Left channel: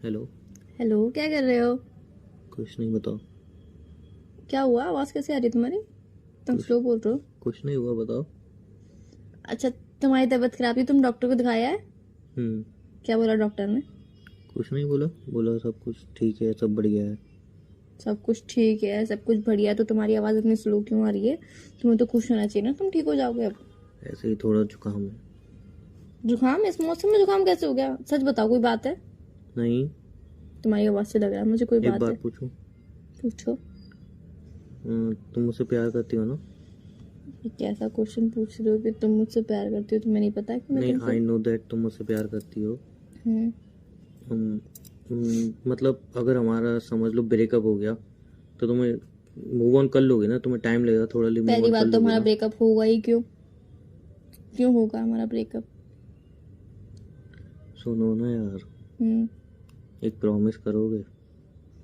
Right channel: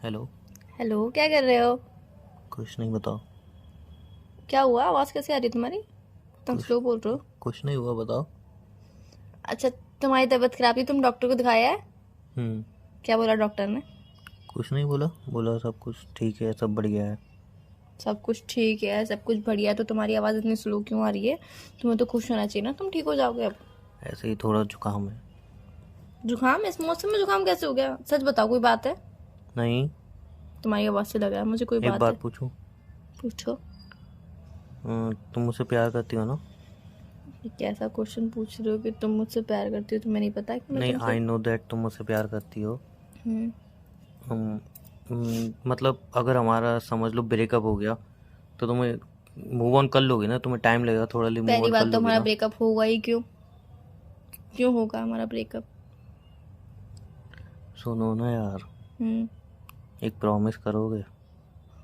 Hello. Hello, क्या कर रहे हो? कुछ नहीं, बताओ। क्या हुआ? आवाज़ कैसे आ रही है तुम्हारी? तुम कुछ स्लो बोल रहे हो। कुछ नहीं हुआ, बताओ। अच्छा, तुम्हारी तबीयत खराब थी, तुम डॉक्टर को दिखाया है? हम्म। क्या बोला डॉक्टर ने? कुछ नहीं बोला, बोला सब कुछ ठीक है, सब बढ़िया है। सब कुछ ठीक है, सब कुछ बढ़िया है, तो तुम्हारी आवाज़ इतनी स्लो क्यों आ रही है? तुम्हें तो खुश होना चाहिए ना, तुम ठीक हो जाओगे अब। ऐसे ही थोड़ा जुकाम है। जुकाम? इस मौसम में जुकाम कैसे हो गया? सच बताओ, कोई बात है? नहीं। तुम्हारी आवाज़ से लगा है मुझे कोई एक बात है। बात पूछूं? पूछो। तुम मुझसे प्यार करती हो ना? ये कैसा क्वेश्चन पूछ रहे हो कि तुम मुझसे प्यार करती हो? तुम्हें नहीं पता कि मैं नहीं, तुमसे। आई नो दैट तुम मुझसे प्यार करती हो। हम्म। मतलब अगर हमारा समझ लो ब्रेकअप हो गया तो तुम्हें मूव ऑन कर लोगे ना? तुम्हें टाइम लगेगा थोड़ा, लिए मूव पहली ऑन कर बात तो लोगे हमारा ना? ब्रेकअप होगा ही क्यों? क्यों होगा हमारा ब्रेकअप? सुनो ना यार, हम्म। एक प्रॉमिस करोगे?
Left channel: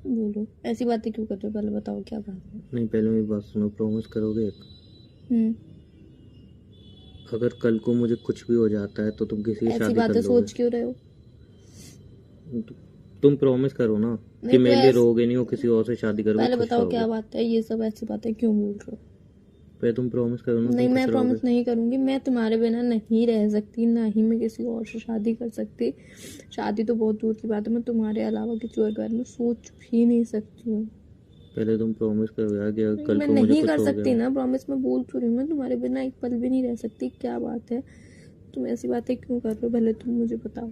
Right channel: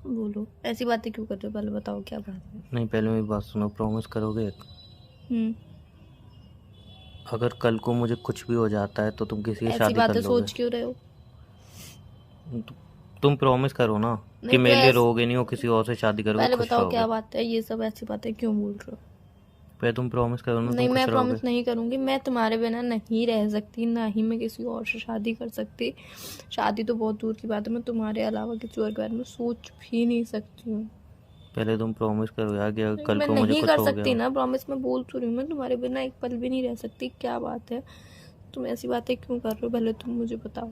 बोलो, ऐसी बातें क्यों कर रहे हो? पहले बताओ क्या बात है। नहीं, पहले मेरी बात सुनो, प्रॉमिस करोगे? हम्म। अगर कल को मुझे कुछ भी हो जाता है तो तुम किसी से ऐसी शादी कर बातें लोगे? सोच क्यों रहे हो? तुम प्रॉमिस करो ना कि नहीं, मेरे लिए पहले रोगे नहीं, हो किसी और से शादी करोगे, पहले खुश बताओ क्या रहोगे। बात है, ये सब ऐसी बातें क्यों बोल रहे हो? पहले तुम प्रॉमिस करो ना, तुम नहीं, खुश मैं रहोगे। प्रॉमिस नहीं करूंगी, मैं तुम्हारे बिना नहीं रह सकती, ना ही मैं किसी और से शादी कर सकती। शादी तो बहुत दूर की बात है, मैं तुम्हारे अलावा किसी और के बारे में सोच भी नहीं सकती हूँ। पहले तुम प्रॉमिस करो यार कि अगर नहीं, कल मैं को मुझे नहीं कुछ कर हो सकती गया। ना, प्रॉमिस मैं बोल तो रही हूँ, मैं तुम्हारे बिना एक पल भी नहीं रह सकती। क्या बात है? तुम ऐसी बातें क्यों कर रहे हो? पहले तुम मुझे बताओ।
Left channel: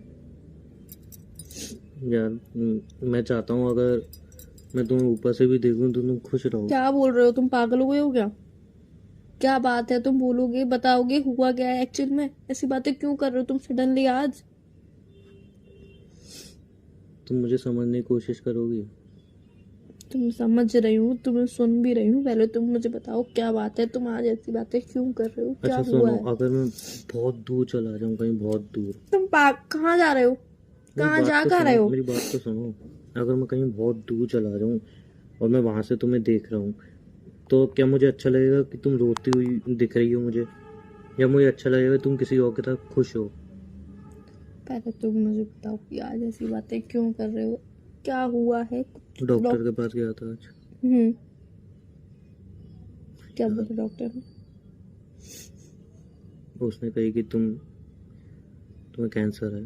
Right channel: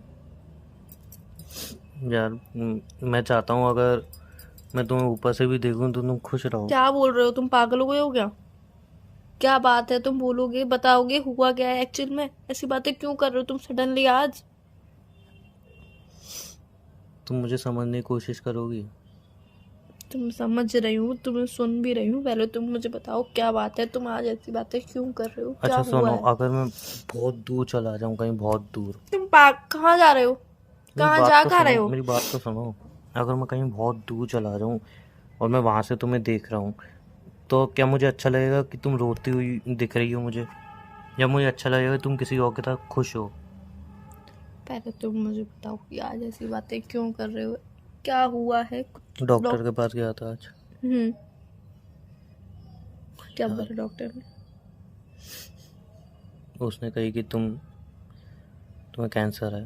यार मैं चाहता हूँ अगर मैं तुम्हें ऊपर से भी देखूँ तो तुम खुश रहो। क्या बोल रहे हो? तुम पागल हो गए हो क्या? क्या बात है? तुम बोलोगे, बताओगे हुआ क्या है एक्चुअल में? ऐसी बातें क्यों कर रहे हो तुम सडनली आज? तुम मुझे समझने की कोशिश करोगी? तुम समझ रही हूँ, तुम्हें सुन भी रही हूँ, पहले तुम मुझे बताओ क्या बात है, तुम आज ऐसी बातें क्यों कर रहे हो? क्या अच्छा हुआ सुनो, है? अगर मैं बहुत दूर चला जाऊँ, कहीं बहुत दूर। तुम पाग कहाँ जा रहे हो? मेरी कहाँ बात जा तो कहाँ रहे सुनो, हो? मेरी बात तो सुनो। अगर मैं कहीं बहुत दूर चला जाऊँ और मैं वहाँ से तुम्हें देख रहा हूँ, तो क्या मुझे अच्छा लगेगा कि तुम रोती हुई दिख रही हो मुझे, या मुझे अच्छा लगेगा कि तुम किसी और के साथ खुश हो? पहले तुम मुझे बताओ कि आज ऐसी बातें क्यों कर रहे हो? क्या हुआ है कुछ डॉक्टर के पास गया था आज। हम्म। क्या यार बोला डॉक्टर ने? उसने कही कि तुम्हें कैंसर है।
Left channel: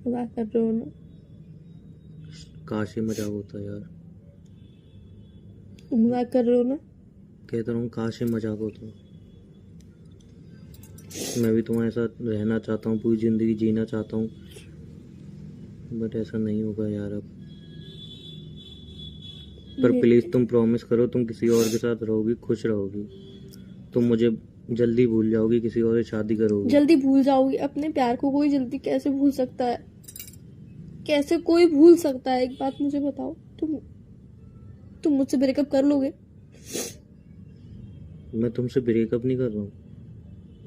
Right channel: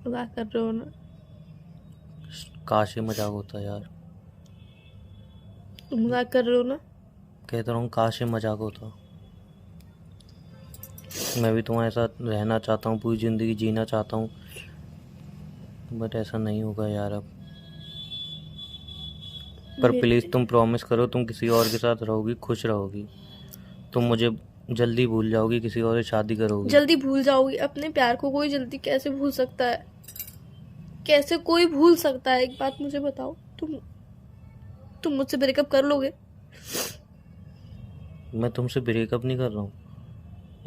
मजाक कर रहे हो ना? काश ये मजाक होता यार। तुम मजाक कर रहे हो ना? कहता रहा हूँ, काश ये मजाक होता। मैं भी तुम्हारे साथ रहना चाहता हूँ, पूरी ज़िंदगी जीना चाहता हूँ, बट ऐसा नहीं होगा यार अब। पर प्लीज़ मेरे तुम प्रॉमिस करो, तुम किसी और के साथ रहोगी, खुश रहोगी। तुम मुझे जल्दी भूल जाओगी, किसी और से शादी करोगी। जल्दी भूल जाओगी? अपने प्यार को कोई जल्दी कैसे भूल सकता है? कैसे कोई भूल सकता है? एक बात मुझे बताओ, तुम मुझसे ब्रेकअप कर लोगे? मैं तुमसे ब्रेकअप नहीं कर रहा हूँ,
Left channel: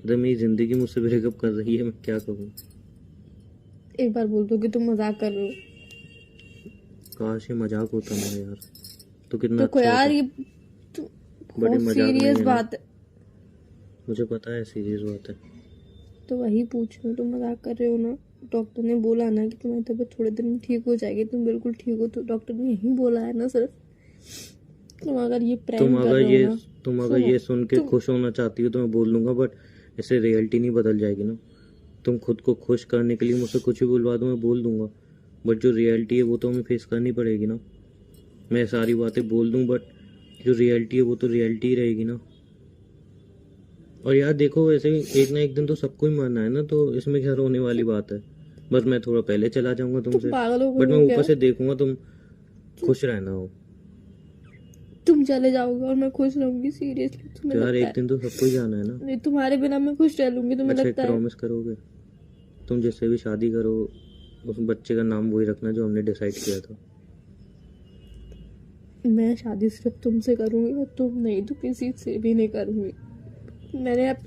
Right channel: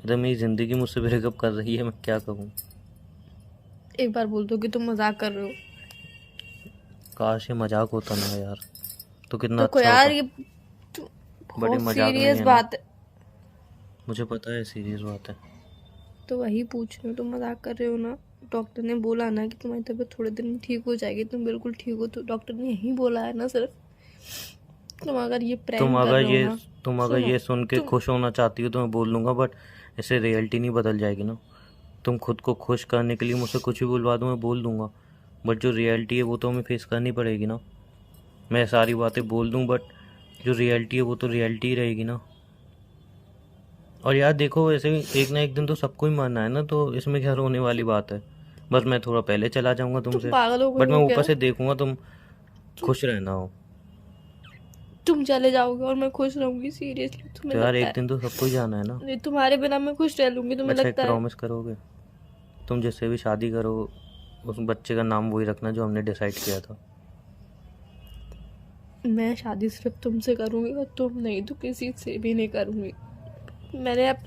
इधर मेरी ज़िंदगी मुझसे ब्रेकअप कर रही है, मैं क्या करूँ? एक बार बोल दो कि तुम मजाक कर रहे हो। काश ये मजाक होता ना यार, तो कितना तो को अच्छा यार, होता। ये बट ये बहुत मजाक नहीं सीरियस है ना, बात है। मुझे पता है सीरियस बात है। तो वही पूछ रही हूँ, तुम मजाक कर रहे हो ना? डॉक्टर ने बोला ना कि तुम्हारी तबीयत थोड़े दिन में ठीक हो जाएगी, तुम बिल्कुल ठीक हो, तो डॉक्टर ने यही बोला है ना सिर्फ? तुम अगर ये तुम प्रैंक कर अगर रहे हो ये ना। तुम अगर सुनो। ये सुन के तुम खुश होना चाहती हो तो मैं बोल दूंगा, बट इससे रियलिटी नहीं बदल जाएगी ना। तुम खुद को खुश करने के लिए मुझसे कुछ भी बुलवा दो, मैं बोल दूंगा, बट जो रियलिटी है वो तो हमें फेस करनी पड़ेगी ना। मैं सारी बातें बोल दूं, बट जो रियलिटी है वो तो रियलिटी ही रहेगी ना। और यार देखो, वैसे भी एक ना एक दिन तो सबको ही मरना है ना, तो इसमें क्या रोने वाली बात है? बस मैं थोड़ा पहले चला जाऊंगा तुम तुमसे, पागल हो गए बट मैं हो ऊपर क्या? से देखूंगा तुम तुम खुश रहना हो। तुम चले जाओगे और मैं खुश रहूंगी? सीरियसली तुम्हें तो यार लगता एक है? दिन तो सबको ही जाना है ना। नहीं, तुम्हारे बिना मैं खुश रह लूंगी, तुम्हें अच्छा, एक लगता है? प्रॉमिस करोगे? तुम जिससे भी शादी करो उस बच्चे का नाम वही रखना जो हमने डिसाइड किया था। मैं शादी सिर्फ तुमसे करूंगी, और तुम नहीं तो किसी से भी नहीं करूंगी। मैंने अब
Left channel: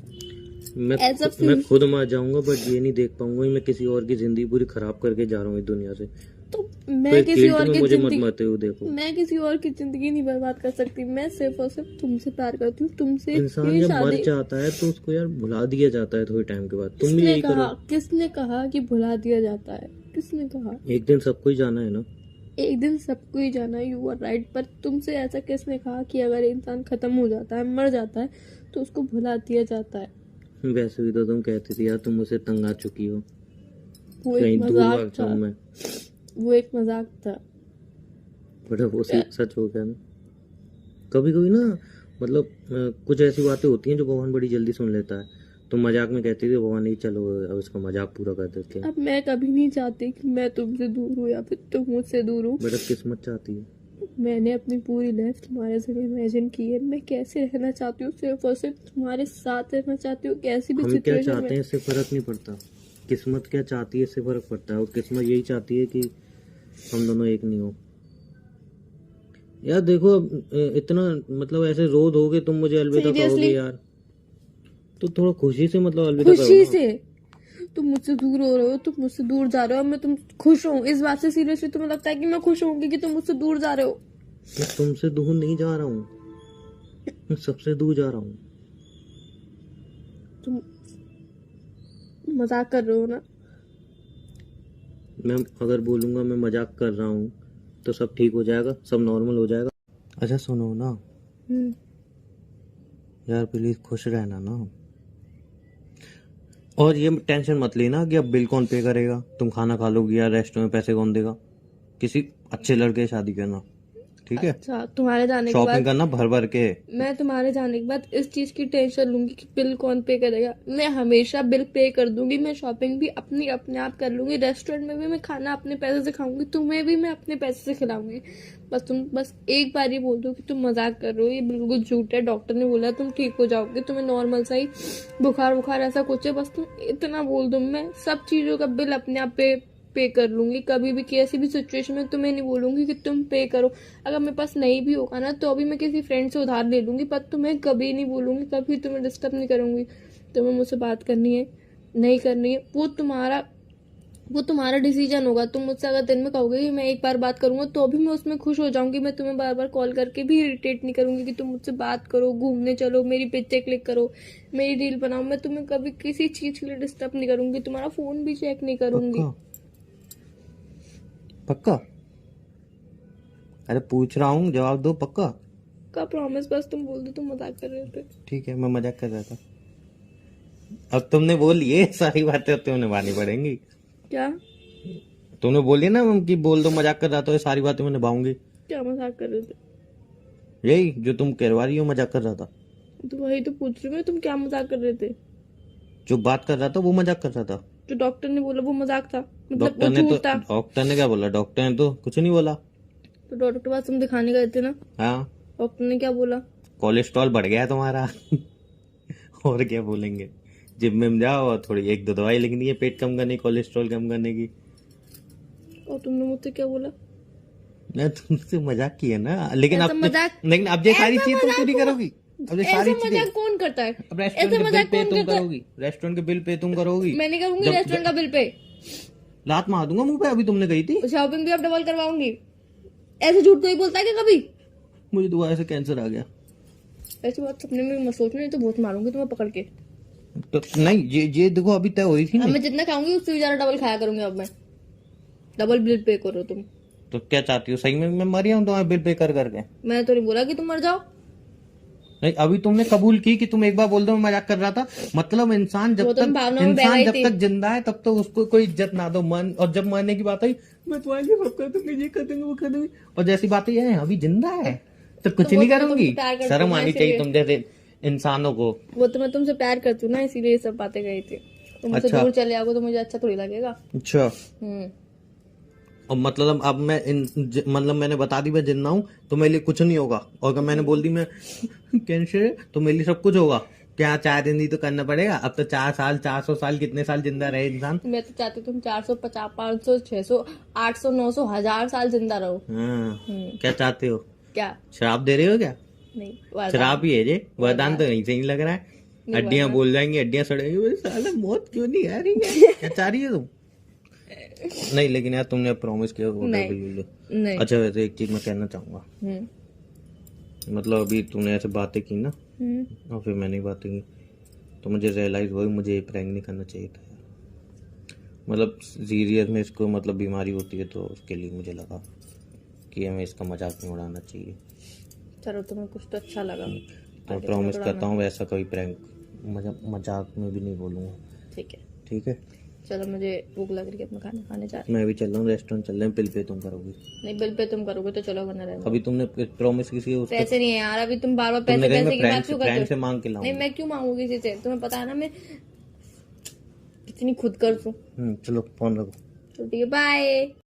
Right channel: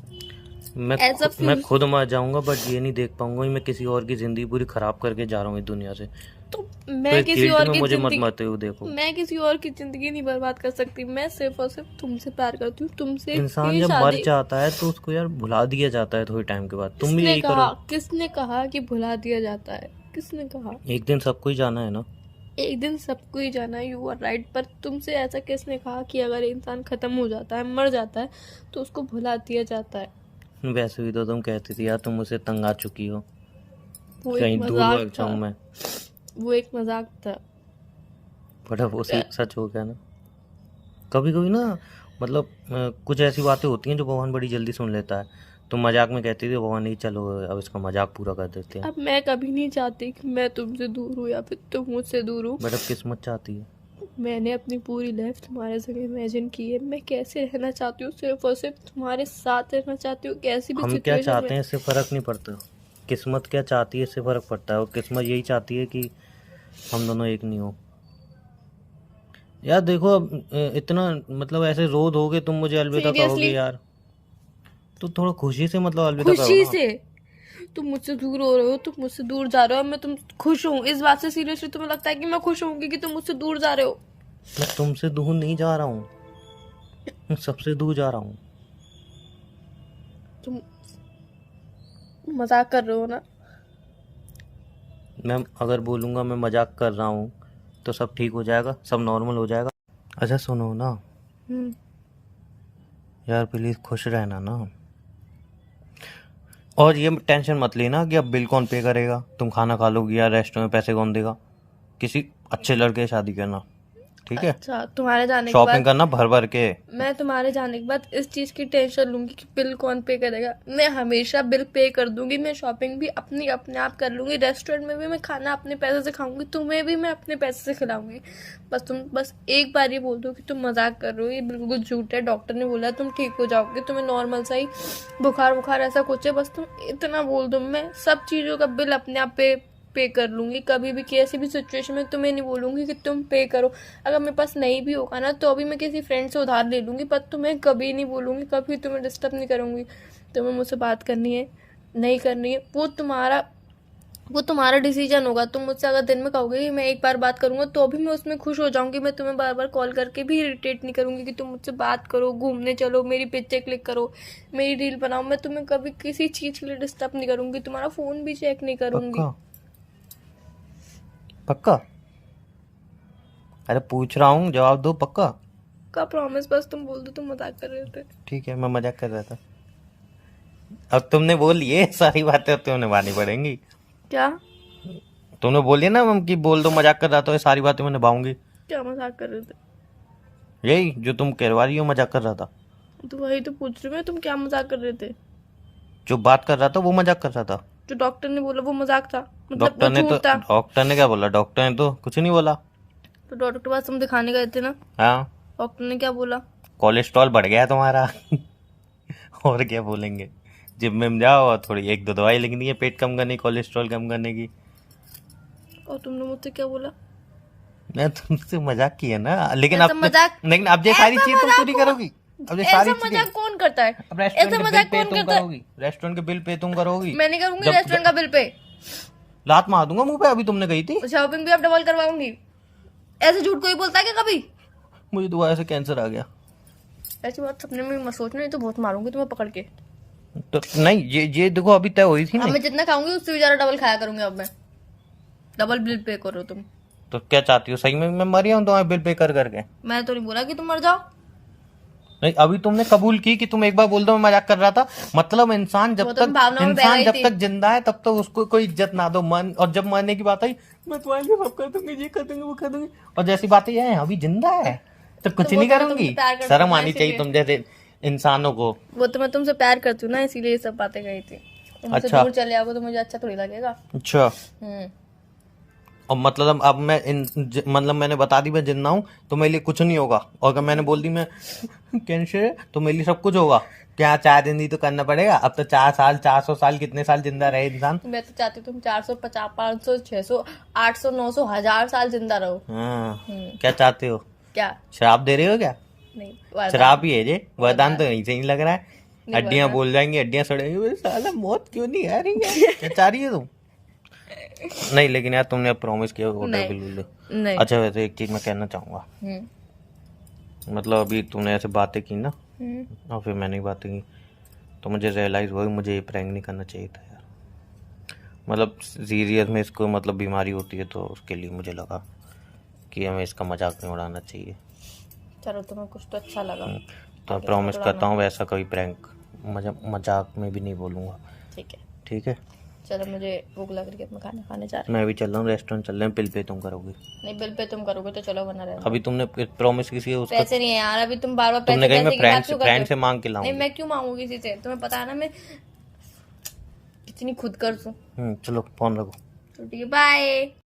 ऐसा मैं फील। खुद मर जाऊंगा, बट ये नहीं देख पाऊंगा कि मैं किसी और की ज़िंदगी पूरी ख़राब करके जा रहा हूँ इस दुनिया से। तो तो मैं एक किसी गिल्ट और में की मुझे मत जिंदगी मरते हुए देखो। मैं किसी और की जिंदगी नहीं बर्बाद कर सकती। मैं सिर्फ और सिर्फ तुमसे प्यार करती हूँ, तुमसे इंसान ही जब मर शादी। जाता है तो उसको यार भुला दिया जाता है थोड़े टाइम के बाद। तुम भी किसने यही कहा? करो। किसने कहा कि भुला दिया जाता है? किसने कहा? एक दिन सबको ही जाना है ना। एक दिन सबको ही जाना है, यू आर राइट, पर तुमसे ऐसा किसने कहा कि अगर इंसान खत्म हो जाता है, मर जाता है, तो उसको भुला दिया जाता है? वैसे भी तो तुम कहती थी यार तुम मुझसे तंग आ चुकी हो, वो कहीं एक दूर मजाक भाग था। जाऊं मैं। वो एक मजाक था। बड़ा वो सच हो गया ना। कभी कभी ना मतलब कुछ ऐसी बातें होती हैं जो भगवान बड़ी जल्दी सुन लेता है। तुम मजाक में कहती थी भगवान नहीं चलो अब इसका मजाक पूरा कर देते हैं। अब मैं कभी नहीं चाहती कि मैं तुमसे दूर हूँ या फिर तुम मुझसे दूर हो। बट अब किस्मत चाहती है। मैंने अपनी पूरी लाइफ तुम्हारे संग इमेजिन की है। मैं कैसे रहना चाहती हूँ, सिर्फ और सिर्फ तुम्हारे साथ रहना चाहती हूँ, कैसी भी हम क्या सिचुएशन चाहते हैं में। इससे फर्क नहीं पड़ता, किस्मत क्या चाहती है इससे फर्क पड़ता है। और किस्मत यही चाहती है कि हम दोनों एक नहीं हो। यार देखो अब इतना मतलब ऐसे रो दोगे तुम मुझे अलविदा कहोगे सीरियसली, यार, तो थोड़ा खुशी से मतलब अलविदा करो खुशी ना। से। तुम मुझसे दूर हो रहे हो, तुम मुझसे दूर जा रहे हो, मैं तुम खुश हूँ इस बात से। सीरियसली तुम्हें लगता है कि मैं खुश होंगी कि तुम मुझसे दूर जा रहे हो? मैं तुमसे दूर नहीं जा रहा हूँ, मैं सबसे दूर जा रहा हूँ। तुम मजाक कर रहे हो ना? मैं अगर बोलूँगा मैं मजाक कर रहा हूँ तो सब ठीक हो जाएगा, सब नॉर्मल हो जाएगा। अच्छा सुनो ना यार, प्लीज़ खुश रहना ना। और ये टेंशन मत लेना कि अब बिल कौन पे करेगा, तुम खाना खा लोगी या रेस्टोरेंट में पैसे कौन देगा। किसी अच्छे लड़के से शादी करना, ठीक है। अच्छा, तुम्हारे जाने के शॉपिंग बाद करना भर भर के। मैं तुम्हारे जाने के बाद इस चीज की टेंशन लूंगी कि बिल कौन पे करेगा? मैं हमेशा बिल पे कर दूंगी। मैं शॉपिंग भी अपने आप कर लूंगी। रेस्टोरेंट में भी मैं खाना अपने पैसे से खाऊंगी। तुम्हें भी मैं अपने पैसे से खिलाऊंगी। बस एक बार ये बोल दो कि तुम मजाक कर रहे हो, ये बिल्कुल झूठ है। डॉक्टर ने बोला तुम ठीक हो जाओगे, तुम्हें नॉर्मल सा ही बुखार ऐसा कुछ है। बस तुम इतना बोल दो, मैं सब चीजों का बिल अपने आप पे कर लूंगी। कभी भी कैसी भी सिचुएशन में तुम्हें नहीं बोलूंगी कि तुम पे करो। अगर मेरे पास नहीं भी होगा ना तो अभी मैं किसी फ्रेंड से उधार ले लूंगी, पर तुम्हें कभी नहीं बोलूंगी, कभी तुम्हें डिस्टर्ब नहीं करूंगी। तुम्हें मुझसे बात करनी है नहीं करनी है वो तुम्हारा डिसीजन होगा। तुम मुझसे अगर दिन में कहोगे कि मैं एक बार बात करूंगा तो अभी मैं उसमें खुश हो जाऊंगी। मैं तुम्हें बार बार कॉल करके भी इरिटेट नहीं करूंगी कि तुम मुझसे बात करो, घूमने चलो, मेरी पिक्चर क्लिक करो, मेरी रील बनाओ। मैं तुम्हें कभी किसी चीज के लिए डिस्टर्ब नहीं करूंगी। तुम्हारा फोन भी चेक नहीं करूंगी। पक्का पक्का? अरे पूछ रहा हूँ, जवाब दो। पक्का का प्रॉमिस? बस तुम बोल दो तुम मजाक कर रहे थे। ठीक है, मैं मजाक कर रहा था। अब तुमने बोली ये सारी बातें अब तुम्हें निभानी पड़ेंगी। क्या? तुमने बोली ना मम कि बोल दो मजाक कर रहा था, ये सारी बातें मैं निभाऊंगी। क्या मजाक कर रहे थे? यही जो तुम कहवा रही हो मजाक कर रहा था। तो वही तो पूछ रही हूँ मैं, तुम क्या मजाक कर रहे थे? जो बात कर रहा था वो मजाक कर रहा था। जो डॉक्टर ने बोला वो मजाक था? मतलब डॉक्टर वो ने तो झूठ था? डॉक्टर ने क्या बोला? डॉक्टर ने तो कुछ नहीं बोला। तो डॉक्टर के पास तुम दिखाने गए थे ना, हाँ, डॉक्टर ने क्या बोला? कोलेस्ट्रॉल बढ़ गया है तुम्हारा। और क्या बोलेंगे? जिम में जाओ और थोड़ी एक दो दवाई लिखनी है पेट कम करने की, कोलेस्ट्रॉल कम करने की। और तुमने मुझसे क्या बोला? मैं तुमसे मजाक किया ना, लेकिन ऐसा मजाक लेकिन अब ये सारी ऐसा चीज तुम मजाक पूरी कौन- करोगी। अब ये ऐसा सारी मजाक चीजें कौन करता है? अब रेस्टोरेंट ऐसा के बिल मजाक पे कौन तुम करता है? करोगी, रेस्टोरेंट के बिल पे तुम करोगी। मैं नहीं करूंगी जब- रेस्टोरेंट का बिल पे। लात मार दूंगा मुंह पे, अभी तुमने कही थी। शॉपिंग भी अब डबल करवाऊंगी। ऐसे झूठ कोई बोलता है क्या कभी? मुझे दोबारा से कैंसर आ गया। ऐसी बात सपने में मत सोचना, नहीं तो बहुत मारूंगी तुम्हें पकड़ के। तो नहीं, ये देखो अभी तय हुई थी अब ना। मैं जितना खाऊंगी उससे भी ज्यादा डबल खाया करूंगी। अब मैं डबल बिल पे करो तुम। तो क्या चाहती हो? सही में मैं मर गया हूँ तुम्हारे बिल पे कर करके? मैं तो नहीं बोला कि तुम मर जाओ। नहीं, अभी तुमने कबूल की कि तुम एक बार बोल दो मैं मजाक कर रहा था। मतलब इंसान जब वो तो तक भावनाओं में बह इंसान गई जब थी। तक जिंदा है तब तक उसको कोई इज्जत ना दो। मन और जब मरने की बात आई, मैं तुम्हारे लिए सब कर दूंगी, ये कर दूंगी, वो कर दूंगी, और जैसी बातें ये हैं अभी जिंदा है तो कुछ वो नहीं तो करूंगी। तुमसे प्यार करती शर्म हूँ आनी ना, चाहिए इसीलिए। तुम जैसे इंसानों को। वो तो मैं तुमसे प्यार करती हूँ ना, इसीलिए ये सब बातें कही थी। तुम मुझसे अच्छा। दूर चले आओगे तो मुझे अच्छा थोड़ी लगेगा। अच्छा, हम्म। और मतलब अब मैं मतलब मैंने बता दी मैं जिंदा हूँ तो मेरे लिए कुछ नहीं होगा, और अगर मैंने बोल दी मैं कैंसर है तो मेरे लिए सब कुछ होगा। क्या 4 दिन ही तो करना पड़ेगा? अब तो 4 साल 400 साल कितने साल जिंदा रहे इंसान। मैं तो चाहती हूँ तुम 450 500 600 800 900 1000 साल जिंदा रहो। हाँ, क्या चाहते हो? क्या? शराब दे रहे हो क्या? नहीं, वरदान। शराब ही है ये, वरदान तो नहीं सही लग रहा है। नहीं, हड्डियां वरदान। बोल जाएंगी, हड्डियां सड़ेगी। साला मौत क्यों नहीं आ रही है? क्या चाह रही है तुम? नहीं लेकिन यार तुमने प्रॉमिस किया होटल नहीं। के लिए। नहीं। अच्छा वैसे एक चीज मैं कहना चाहूंगा, मतलब अभी तुमने ऐसे बातें की ना और फिर मैंने बातें की तो मुझे रियलाइज हुआ कि मुझे ये प्रैंक नहीं करना चाहिए था यार। मतलब सीरियस में इसको मतलब बीमारी होती है, तो उसके लिए मुझे लगा कि हमें इसका मजाक नहीं उड़ाना चाहिए। चलो तुम्हें कुछ तो अच्छा लगा। तो आगे प्रॉमिस चलो करता हूँ वैसा कोई प्रैंक मजाक में भी नहीं बोलूँगा। ठीक है। ठीक है, चलो मुझे भूख लग रही है, मैं खाना खाने जा रही मैं भी चल रहा हूँ, रेस्टोरेंट चल रहे हैं, बिल पे तुम करोगे। हूँ। नहीं, बिल पे तुम करोगे तो चलो, वरना रहने दो। अभी तुमने प्रॉमिस किसी उसका, पैसे नहीं है यार, अभी तुम बार बार तुमने पैसे कही मैं पैसे की बात क्यों करते फ्रेंड हो? से मांग के नहीं, लाऊंगी। मैं क्यों मांगू किसी से? तुम्हें पता है ना मैं कितनी खुद कर्ज हूँ। चलो फोन रखो। तो ठीक है, बाय।